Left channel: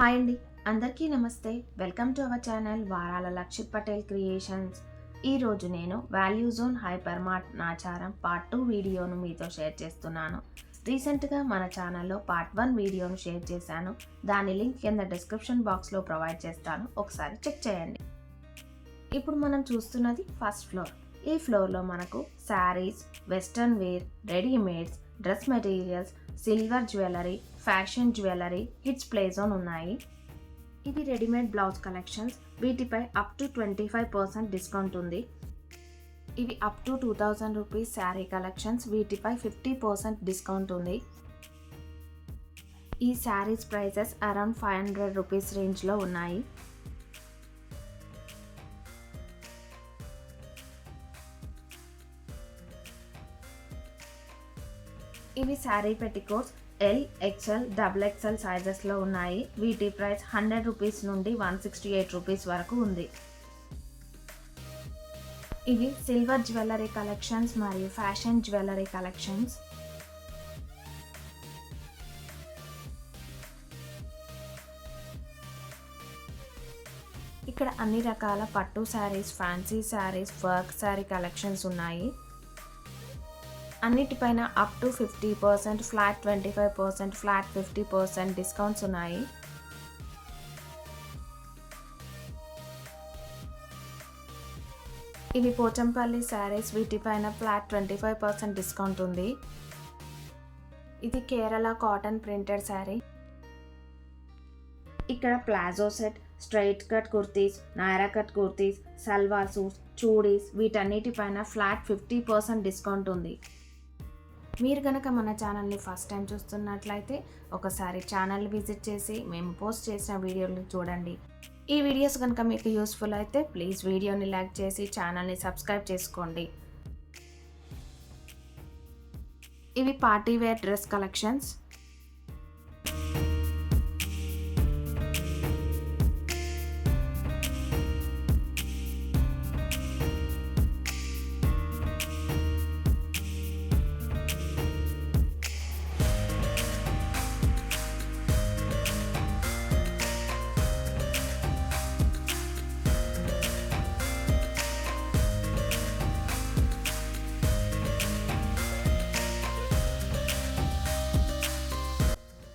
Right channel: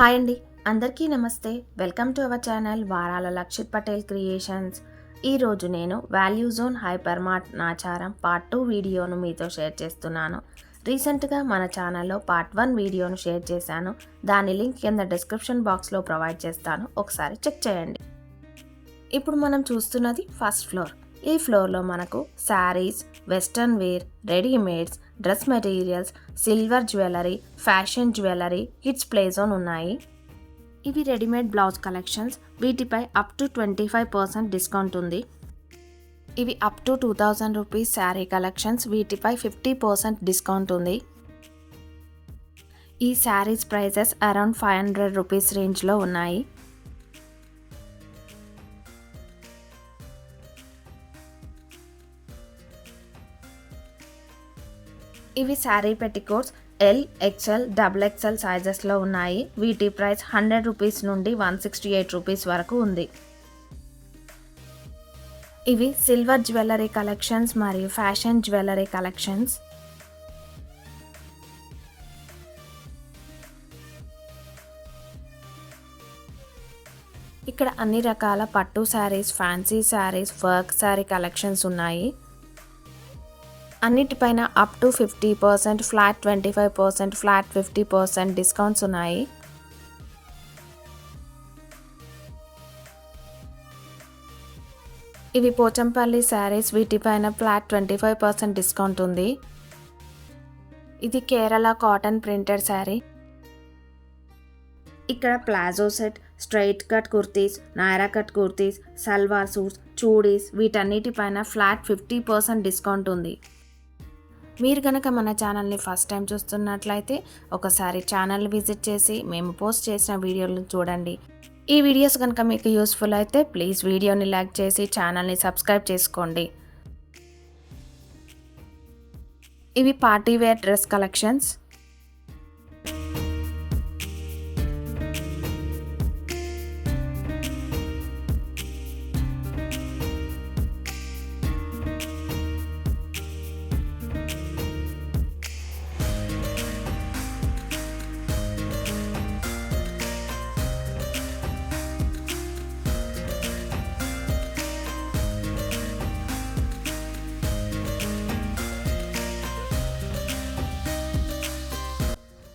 Hi అండి, అందరికీ నమస్తే. వెల్కమ్ టు అవర్ ఛానల్ వారాల లక్షిత్ పటేల్ క్రియేషన్స్. ఈరోజు నేను value zone hyper mart Nacharam part 2 వీడియోను మీతో షేర్ చేస్తున్నాను. రీసెంట్గా మన ఛానల్లో పార్ట్ 1 వీడియోను షేర్ చేశాను. దాని లింక్ కింద డిస్క్రిప్షన్ బాక్స్లో ప్రొవైడ్ చేస్తాను, ఒకసారి చెక్ చేయండి. ఇప్పుడు మనం చూస్తున్నది ఫస్ట్ ఫ్లోర్. ఈ ఫ్లోర్లో మనకు saris, western wear, readymades, dress materials, silver jewellery, fashion jewellery, kids play zone ఉన్నాయి. ఇవి రెడీమేడ్ బ్లౌజ్ కలెక్షన్స్. వీటిపై అప్ టు 25% డిస్కౌంట్ ఉంది. ఇవి up to 2000 rupees sari collections. వీటిపై 50% డిస్కౌంట్ ఉంది. ఈ శారీస్ ప్రైజెస్ అరౌండ్ 500 రూపీస్ రేంజ్లో ఉన్నాయి. ఇవి sari petticoats L, XL, double XL సైజెస్లో ఉన్నాయి. వీటి ప్రైస్ 100 రూపీస్ నుండి 168 రూపీస్ వరకు ఉంది. ఇవి సిల్వర్ జ్యువెలరీ కలెక్షన్స్ మరియు ఫ్యాషన్ జ్యువెలరీ కలెక్షన్స్. ఇక్కడ అన్ని రకాల పట్టు saris, fancy saris, work sari collections ఉన్నాయి. అన్నిటిపైన up to 50%, flat 25%, flat 50% discounts ఉన్నాయి. ఇవి పోచంపల్లి శారీస్. వీటిపైన ఫ్లాట్ 25% డిస్కౌంట్ ఉంది. ఇది కేరళ కాటన్ ప్రింటెడ్ శారీ. ఇక్కడ palazzo set, straight cut kurtis, Naira cut kurtis, salwar suits, chudis వీటన్నిటిపైన ఫ్లాట్ 50% డిస్కౌంట్ ఉంది. మీరు కనుక మన ఛానల్ని ఫస్ట్ టైం చూస్తున్నట్లయితే ఒకసారి ఛానల్ విజిట్ చేసి మేము పోస్ట్ చేసిన వీడియోలను చూడండి. ఈ వీడియోస్ కనుక మీకు యూస్ఫుల్ అయితే ప్లీజ్ వీడియోని లైక్ చేసి ఛానల్ని సబ్స్క్రైబ్ చేసుకోండి. ఇవి పార్టీ వేర్ డ్రెస్ కలెక్షన్స్.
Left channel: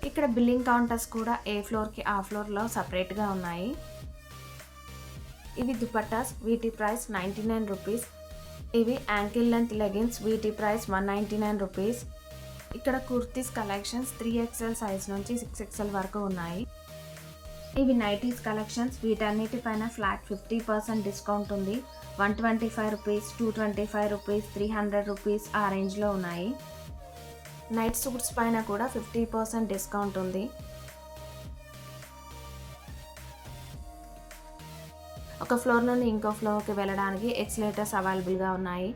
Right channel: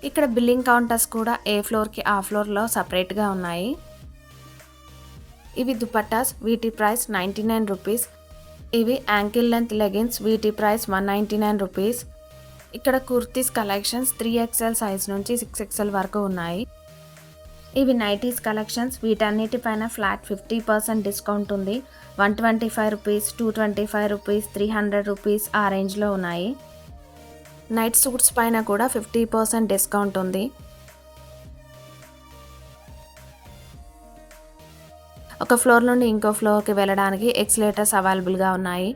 ఇక్కడ బిల్లింగ్ కౌంటర్స్ కూడా ఏ ఫ్లోర్కి ఆ ఫ్లోర్లో సపరేట్గా ఉన్నాయి. ఇవి దుపట్టాస్. వీటి ప్రైస్ 99 రూపీస్. ఇవి యాంకిల్ లెంత్ లెగిన్స్. వీటి ప్రైస్ 199 రూపీస్. ఇక్కడ కుర్తీస్ కలెక్షన్స్ 3XL సైజ్ నుంచి 6XL వరకు ఉన్నాయి. ఇవి నైటీస్ కలెక్షన్స్. వీటన్నిటిపైన ఫ్లాట్ 50% డిస్కౌంట్ ఉంది. 125 రూపీస్, 225 రూపీస్, 300 రూపీస్ ఆ రేంజ్లో ఉన్నాయి. నైట్ సూట్స్ పైన కూడా 50% డిస్కౌంట్ ఉంది. ఒక ఫ్లోర్ నుండి ఇంకో ఫ్లోర్కి వెళ్ళడానికి ఎక్స్లేటర్స్ అవైలబుల్గా ఉన్నాయి.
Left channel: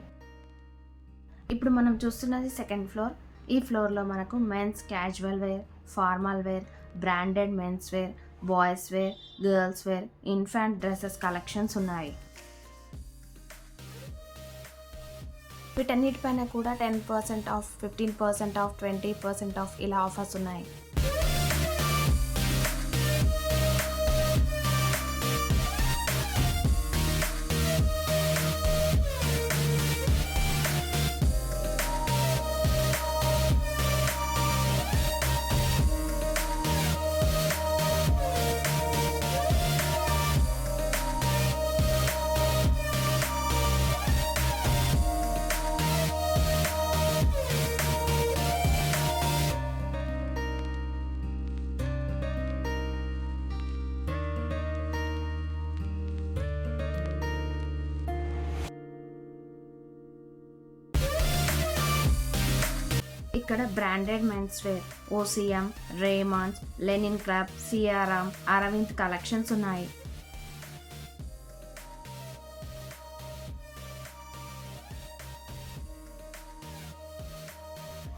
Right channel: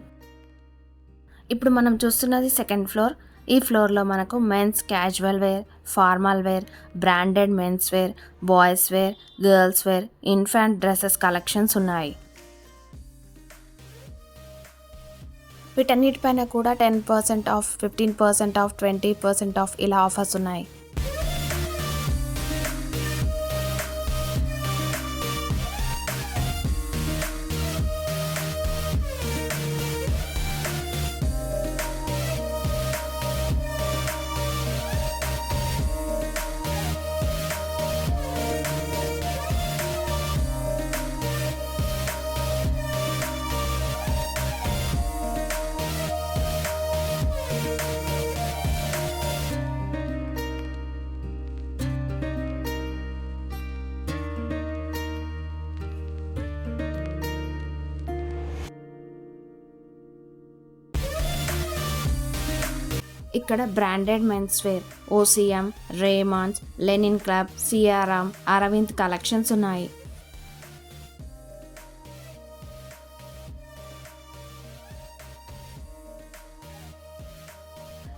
ఇప్పుడు మనం చూస్తున్నది సెకండ్ ఫ్లోర్. ఈ ఫ్లోర్లో మనకు men's casual wear, formal wear, branded men's wear, boys wear, girls wear, infant dresses collections ఉన్నాయి. వీటన్నిటిపైన కూడా 10% ఆఫ్, 15% ఆఫ్, 20% ఆఫ్ ఇలా ఆఫర్స్ ఉన్నాయి. ఇక్కడ branded men's wear, OCM, Raymonds, Linen Club, Siyaram, Arvind collections ఉన్నాయి.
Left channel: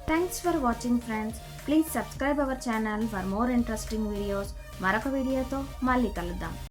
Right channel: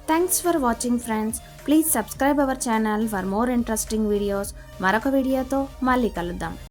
Thanks for watching friends. Please subscribe our channel for more interesting videos. మరొక వీడియోతో మళ్ళీ కలుద్దాం.